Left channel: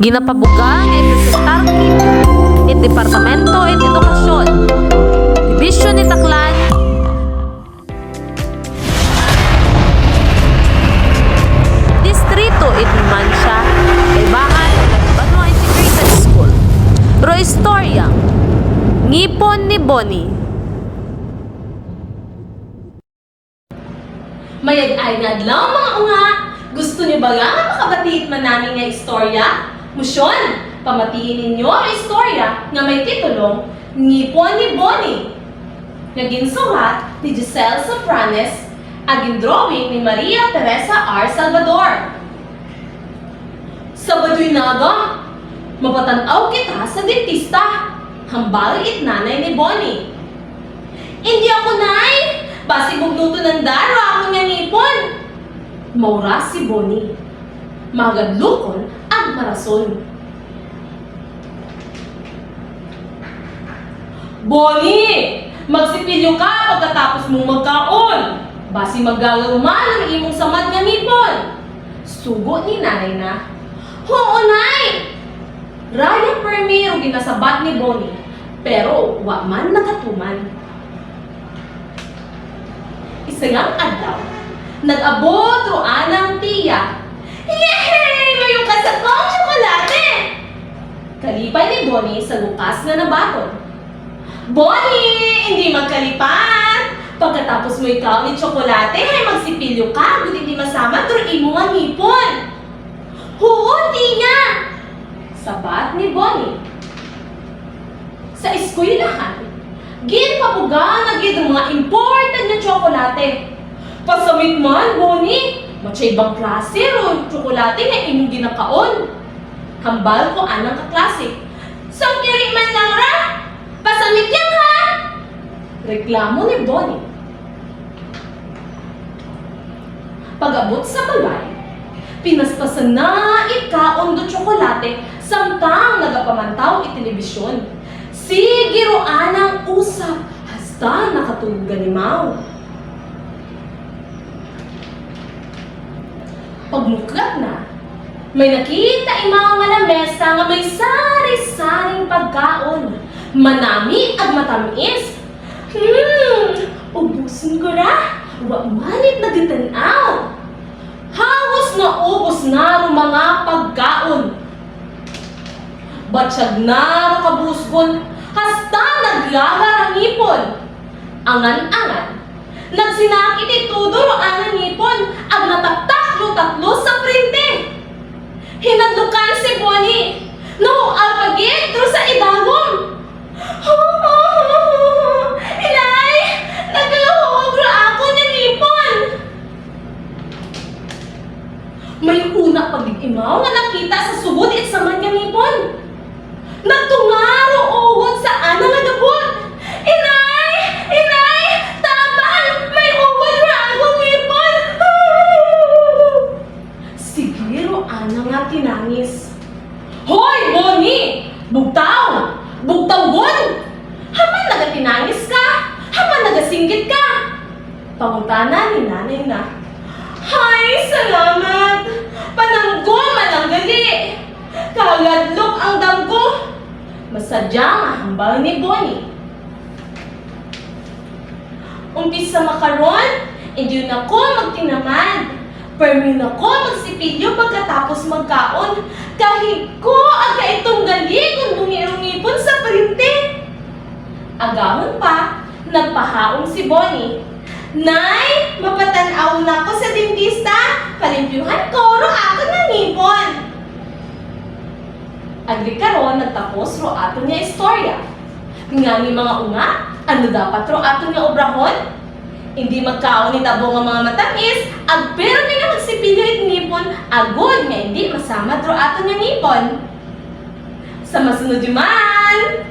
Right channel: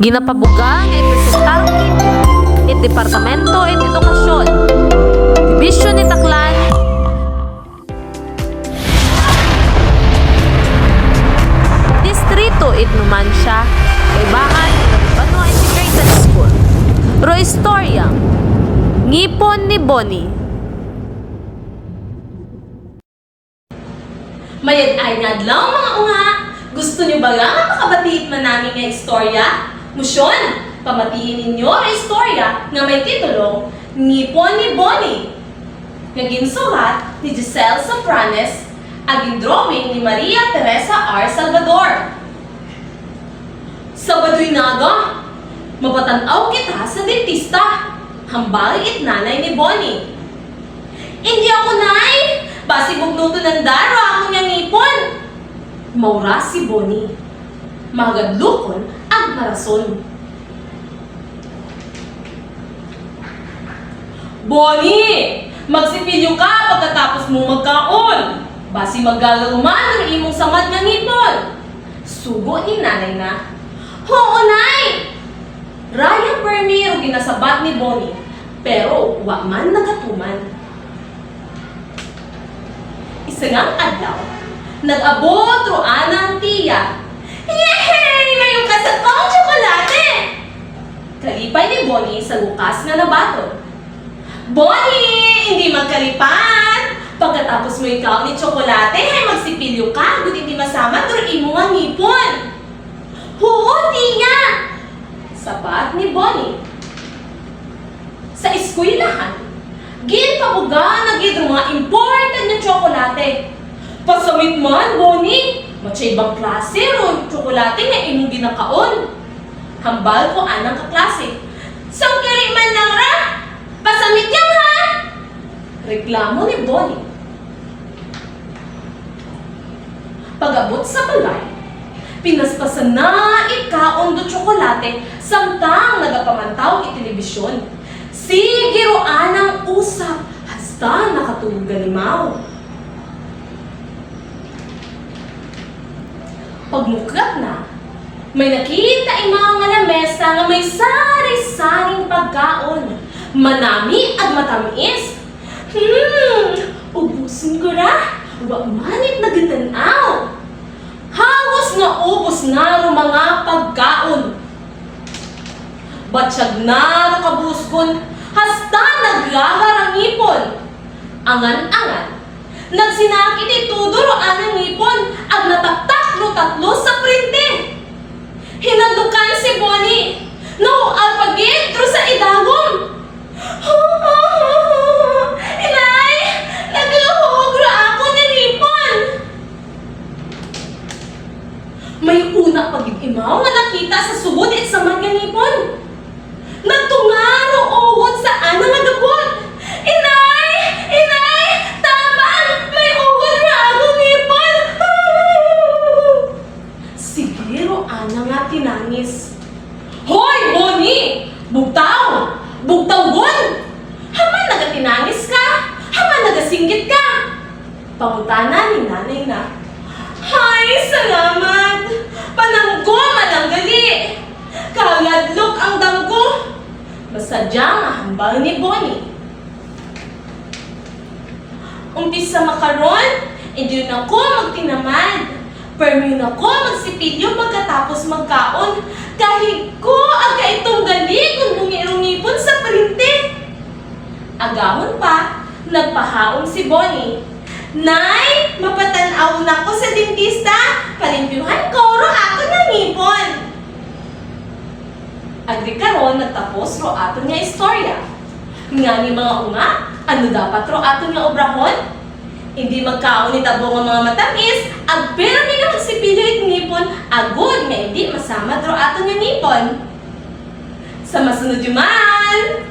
Ginapabuga nga ipresentar it Departamento it Edukasyon, Dibisyon ni Taclan, Distrito it Numancia, Kaibahan, Banwa Integrated School. Ro istorya, Ngipon ni Bonnie. Mayad ay nadlaw mga unga. Gusto niyo ba nga makabatiit man namin nga istorya? Musyon, pamatiin ninyo ang istorya nga may titulong Ngipon ni Bonnie. Nga ginsulat ni Giselle Sopranes, aging drawing ni Maria Teresa R. Salvador. Sabadoy naga, mapatanaw kita sa dentista. Hambal it nanay ni Bonnie. Hindi ako nay! Basi bugnuto ng daro ako niya ngipon. Maura si Bonnie. Magadlukon ang marason. Bonnie! Magsipilyo ka pagkatapos mong magkaon. Basi maggalaruman ang imong samad nga ngipon. Sugo ni nanay na. Oo, nay! Raya permi ang ginasabat ni Bonnie. Pero wa man nagatuman. Isangang adlaw, nag-abot roan ang tiya. Yehey! Mayroon ka sa kong tsokolate! Kalipay ni Bonnie sa lukas na nabaton. Bonnie! Hindi magkalipan! Pagkatapos mo ikaw ni tsokolate, ay magsipilyo ka, good hindi masama, turuin mo ang ngipon. Oo, tiya! Sabat ni Bonnie. Sa eskwelahan, ginpabuga na gid ang mga imported na tsokolate. Pasamit man, Bonnie, matsa ibang klase ro tsokolate nga imong ginakaon. Hambal ko anang kaklase. Sangkiri man lang ra, pasamit yan ha! Reklamo ni Bonnie. Pag-abot sa balay, pinaspasan na ikaon do tsokolate samtang nagapamantaw itelebisyon. Sige roan ang usap, hasta nakatulog ganimaw. Pagmuklat na, may nakita imaw nga lamesa nga may sari-saring pagkaon. Manami at matamis. Ubusin ko ra, wa manit na gitanaw. Halos na ubos na ro mga pagkaon. Batsyag na ro kabusgon, hasta naglagar ang ngipon. Angan-angan, nagsinakit itudoro ang ngipon, ag nataktak-tatlo sa printe. Hinadlukan si Bonnie, no alpagit ro sa idagom. Inay, nagluhog ra ako ni ngipon. May una pag-imaw nga nakita sa sugod at sa mga ngipon. Nagtungaro uwot sa ana nagabot. Inay! Inay! Taban! May uwot ra akong ngipon! Sigiro ana nga tinangis. Hoy, Bonnie! Bugtaw! Bugtawgon! Haman nagatinangis ka? Haman nagasinggit ka? Pangutana ni nanay na. Hay, salamat! Pananggo man ang gali! Kaladlok ang damgo! Masadyang mahambal ni Bonnie. Umpisa makaron, hindi yun ako magtinamad. Permi yun ako magsipilyo pagkatapos magkaon. Kahit ko aga itong gali kung bungirungipon sa printe. Agahon pa, nagpahaong si Bonnie. Nay, mapatanaw na ko sa dentista. Palimpyuhan ko, ro ako nangipon. Agri karon nagtapos ro ato niya istorya. Nga ni mga unga, ano dapat ro ato niya obrahon? Hindi magkaon ni tabo nga mga matamis, ag pero ni nga magsipilyo it ngipon, agod nga hindi masama ro ato niya ngipon. Sa masunod yuman!